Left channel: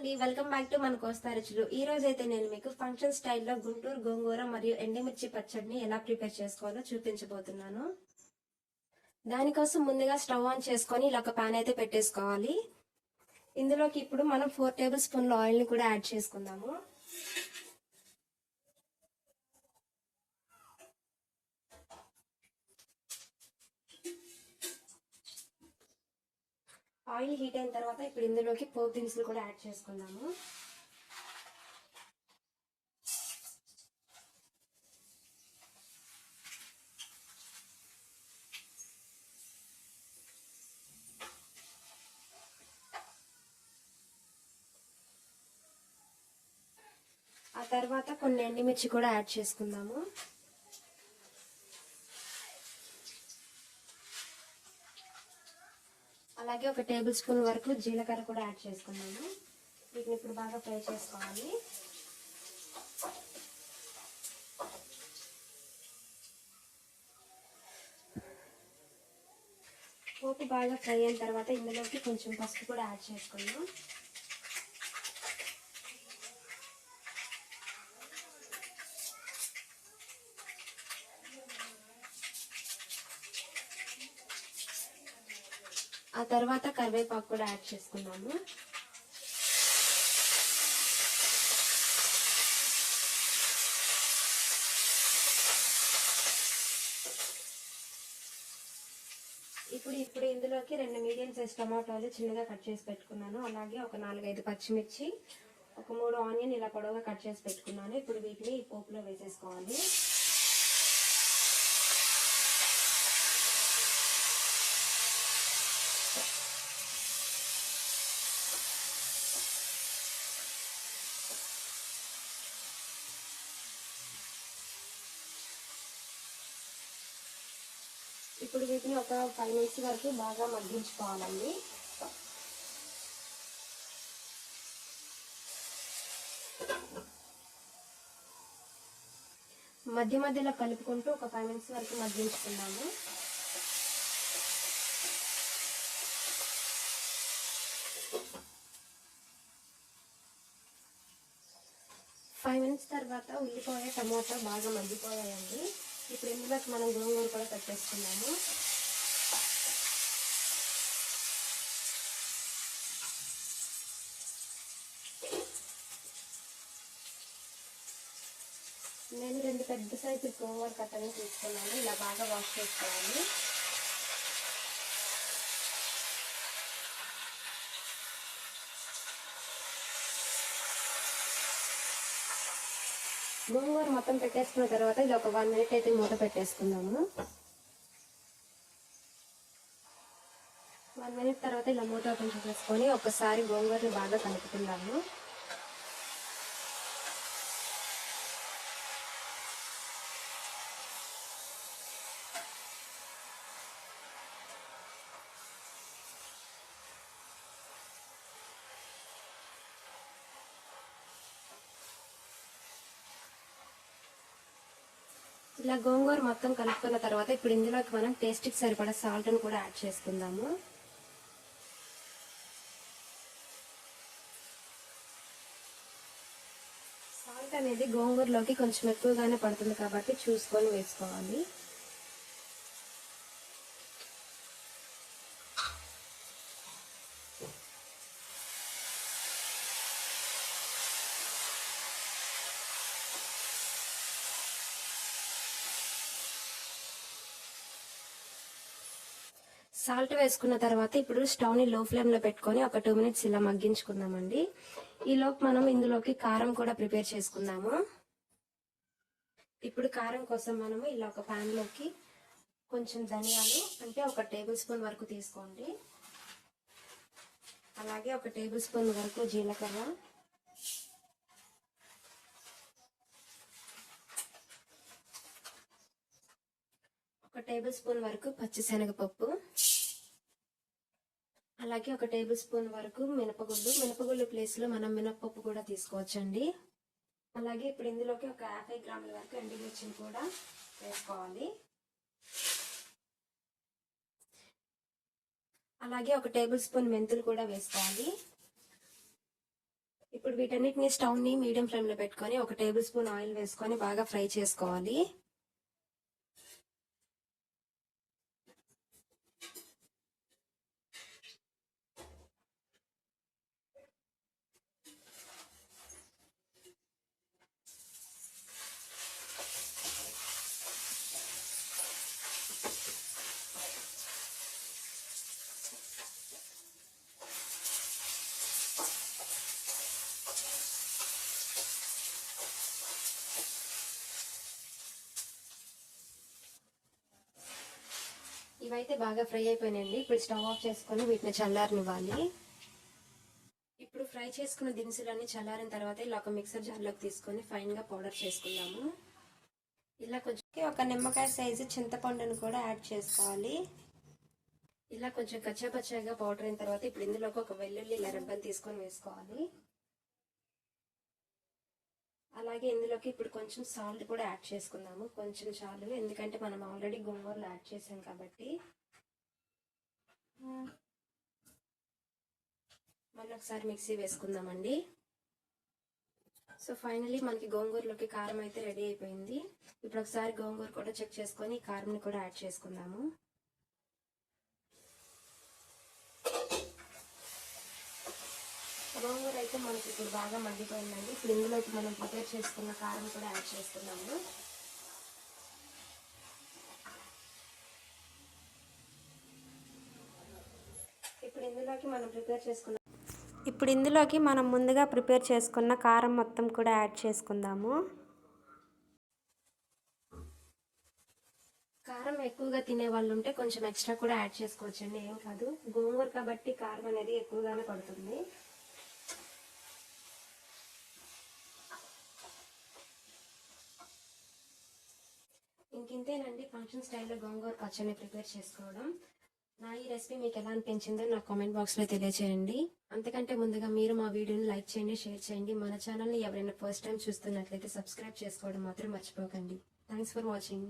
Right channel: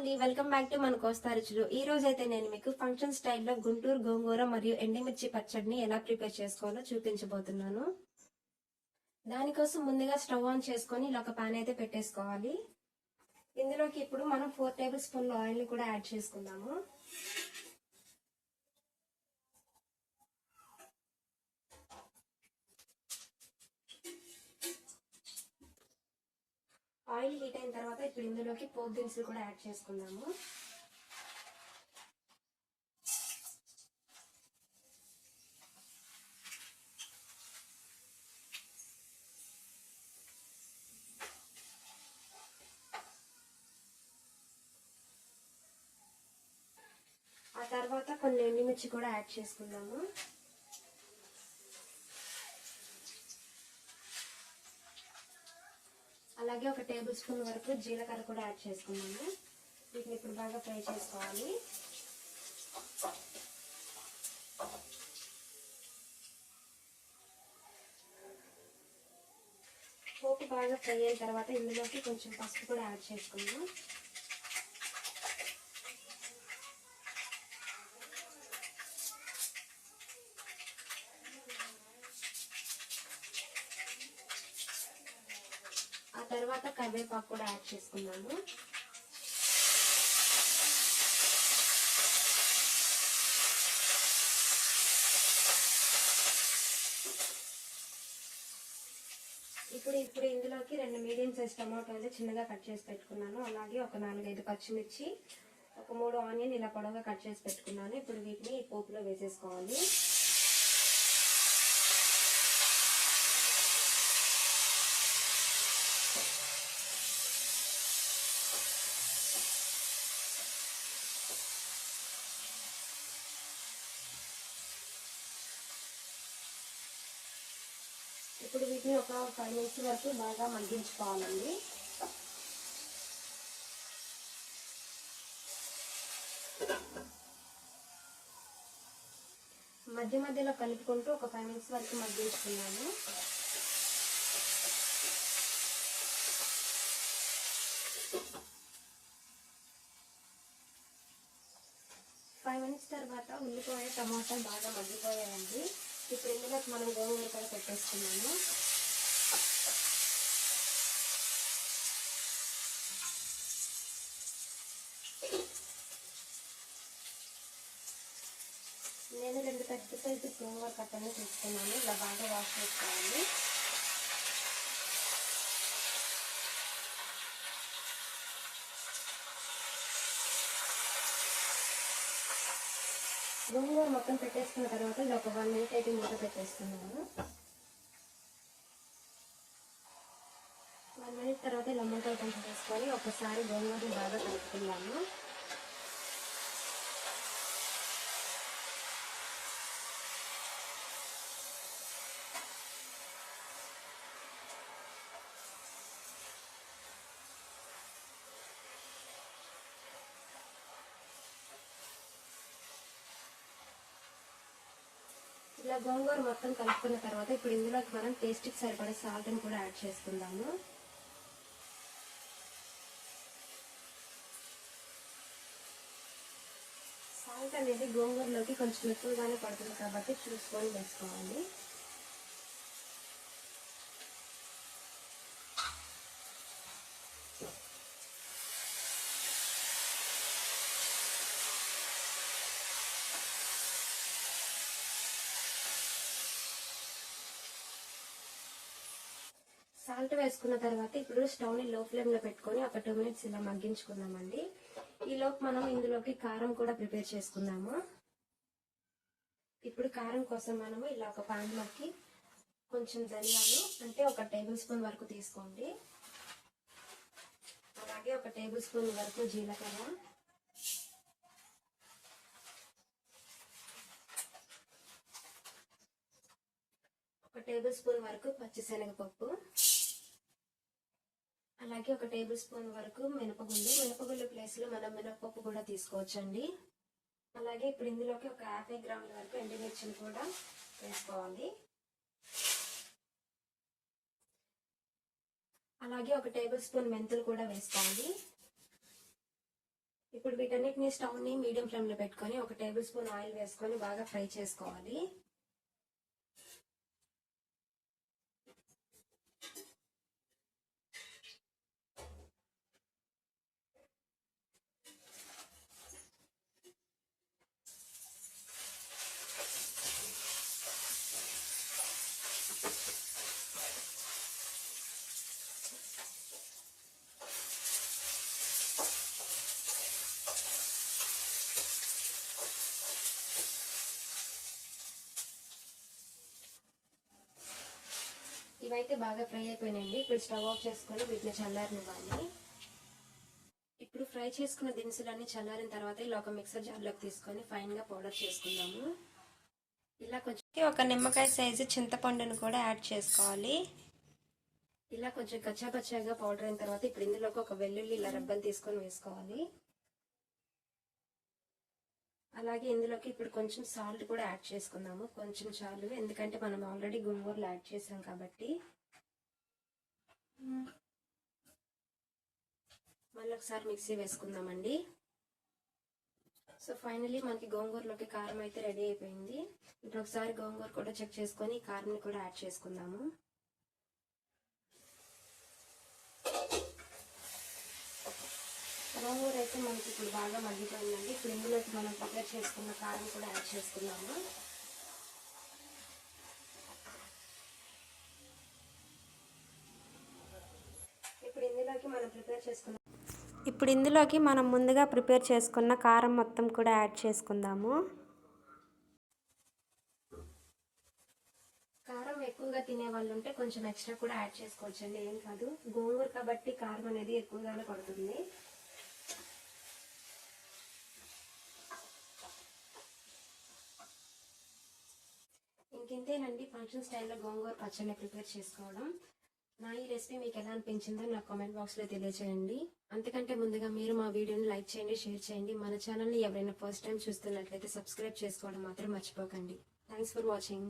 Welcome back to మన కోస్తా రుచులు. ఈ రోజు అయితే నేను మీకు ఫంక్షన్ స్టైల్లో గుంటూరు గోంగూర మరియు ఎండుమిర్చి పచ్చడిని ఎలా ప్రిపేర్ చేసుకోవాలో చూపించబోతున్నాను. దానికోసం ముందుగా స్టవ్ ఆన్ చేసుకొని ఇలా ఒక పాన్ అయితే పెట్టేసుకోవాలి. ఇందులోకి ఇప్పుడు మనం 4 టేబుల్ స్పూన్ల ఆయిల్ ని కూడా యాడ్ చేసుకుందాము. ఆయిల్ హీట్ అయిన తర్వాత ఇప్పుడు ఇందులోకి పోపు దినుసులు కూడా యాడ్ చేసుకుందాము. ఆ తర్వాత కొన్ని ఎండుమిర్చి కూడా యాడ్ చేసుకుందాము. అలాగే ఒక టేబుల్ స్పూన్ వరకు జీలకర్ర కూడా యాడ్ చేసుకున్నాము. వీటిని ఇప్పుడు బాగా ఫ్రై చేసుకోవాలి. పోపు బాగా ఫ్రై అయిన తర్వాత ఇందులోకి కొంచెం పసుపు కూడా యాడ్ చేసుకుందాం. ఆ తర్వాత కరివేపాకు కూడా యాడ్ చేసుకున్నాము. ఇప్పుడు ఇందులోకి 2 మీడియం సైజ్ టమాటాలు చిన్నగా కట్ చేసి పెట్టుకున్నాను. అలాగే ఒక 4-5 పచ్చిమిర్చి, ఒక 3 ఆనియన్ ఇలా పొడవుగా కట్ చేసి పెట్టుకున్నాను. ఇప్పుడు వీటిని ఈ పోపులో వేసేసుకోవాలి. ఇప్పుడు వీటిని ఒక 5 మినిట్స్ వరకు బాగా మగ్గించుకోవాలండి. మధ్య మధ్యలో కలుపుకుంటూ ఒక 5 మినిట్స్ వరకు మగ్గించుకున్నాము. ఫైవ్ మినిట్స్ తర్వాత ఉల్లిపాయ టమాటా బాగా మగ్గిపోయాయండి. ఇప్పుడు ఇందులోకి మనం గోంగూర కూడా పెట్టేసుకున్నాము. నేను 2 పెద్ద సైజు గోంగూర కట్టని తీసుకున్నాను. ఇలా బాగా వాష్ చేసుకోవాలి. గోంగూర మొత్తం పెట్టేసుకున్న తర్వాత ఇలా ఒక 1 మినిట్ అయితే మూత పెట్టేసుకున్నాము. 1 మినిట్ తర్వాత ఇలా మూత ఓపెన్ చేసుకొని ఒకసారి గోంగూరని బాగా కలుపుకుందాము. ఇలా గోంగూర మొత్తం కలుపుకున్న తర్వాత ఇప్పుడు ఇందులోకి మనం టేస్ట్కి సరిపడా సాల్ట్ని కూడా యాడ్ చేసుకుందాము. సాల్ట్ అనేది గోంగూరలోకి కొంచెం ఎక్కువగానే పడుతుంది కాబట్టి చూసుకొని వేసుకోవాలి. సాల్ట్ వేసుకున్న తర్వాత ఇప్పుడు స్టవ్ని లో ఫ్లేమ్లో పెట్టుకొని ఒక 2 మినిట్స్ ఇలా మగ్గించుకుందామండి. ఈలోపు మనం ఇందులోకి కారం కూడా ప్రిపేర్ చేసుకుందాము. ఇప్పుడు కారం కోసం మనము ఇలా ఒక ప్యాన్లోకి కొంచెం ధనియాలు అంటే ఒక టేబుల్ స్పూన్ వరకు తీసుకోండి. అలాగే ఒక టేబుల్ స్పూన్ వరకు జీలకర్ర, ఒక టేబుల్ స్పూన్ వరకు పచ్చిశనగపప్పు, అలాగే ఒక టేబుల్ స్పూన్ వరకు మినపగుళ్ళు ప్లేస్లో మనం మినపప్పు కూడా తీసుకోవచ్చండి. అలాగే ఇప్పుడు ఇందులోకి ఒక 50 గ్రాముల వరకు ఎండుమిర్చిని కూడా వేసుకోవాలి. అలాగే ఒక టేబుల్ స్పూన్ మెంతులు కూడా వేసుకోవాలి. ఇప్పుడు వీటన్నిటిని స్టవ్ని మీడియం ఫ్లేమ్లో పెట్టుకొని 1 టేబుల్ స్పూన్ ఆయిల్ వేసుకొని బాగా ఫ్రై చేసుకోవాలి. ఇవైతే బాగా ఫ్రై అయిపోయినాయండి. ఇప్పుడు స్టవ్ ఆఫ్ చేసుకొని వీటిని చల్లారనివ్వాలి. ఇప్పుడు ఫ్రై చేసుకున్న దినుసులన్నీ చల్లారిన తర్వాత ఇలా ఒక మిక్సర్ జార్లోకి తీసుకొని ఫైన్గా పౌడర్ చేసుకుందాము. ఇలా కొంచెం ఒక నిమ్మకాయ సైజు చింతపండును కూడా యాడ్ చేసుకోవాలి. ఇలా కొంచెం కచ్చాపచ్చాగా పౌడర్ అయిన తర్వాత ఇప్పుడు ఇందులోకి ఒక వెల్లుల్లి ఇలా రెబ్బలు తీసుకొని వేసుకోవాలి. అలాగే ఇందులోకి ఇప్పుడు కొంచెం సాల్ట్ కూడా యాడ్ చేసుకుందాము. కొంచెం చాలు, ఎందుకంటే మనం ఆల్రెడీ గోంగూరలో యాడ్ చేసాం కాబట్టి. మళ్ళీ ఒకసారి మిక్సీ వేసుకుందామండి. సో ఫైనలీ మనకి గోంగూరలోకి కారం అయితే రెడీ అయిపోయింది. ఇప్పుడు ఒకసారి గోంగూర కూడా చెక్ చేసుకొని కారంని కూడా యాడ్ చేసుకుందాము. గోంగూర అయితే మనకి ఇప్పుడు బాగా మగ్గిపోయిందండి. ఇప్పుడు ఇందులోకి మనం ప్రిపేర్ చేసుకున్న కారం కూడా యాడ్ చేసుకున్నాము. ఇప్పుడు ఇందులోకి మనం ముందుగా ప్రిపేర్ చేసుకున్న కారం మొత్తం కూడా యాడ్ చేసుకుందాము. కారం ఎక్కువగా తినే వాళ్ళు ఉంటే కొంచెం ఎక్స్ట్రా కూడా యాడ్ చేసుకోవచ్చండి, ఏం కాదు. గోంగూర కాబట్టి కారం అనేది ఎక్కువగానే పడుతుంది. ఇంకింతేనండి ఫంక్షన్ స్టైల్లో గోంగూర పచ్చడిని ప్రిపేర్ చేసుకోవడం. నా ఈ రెసిపీ మీకు ఎలా అనిపించిందో నాకు కామెంట్ బాక్స్లో తెలియచేయండి. అంతకంటే ముందుగా మీరు మా వీడియోని లైక్ చేయండి, షేర్ చేయండి. మన ఛానల్ని ఎవరైనా ఫస్ట్ టైం చూస్తున్నట్లయితే సబ్స్క్రైబ్ చేసుకోవడం మాత్రం మర్చిపోకండి. Thanks for watching.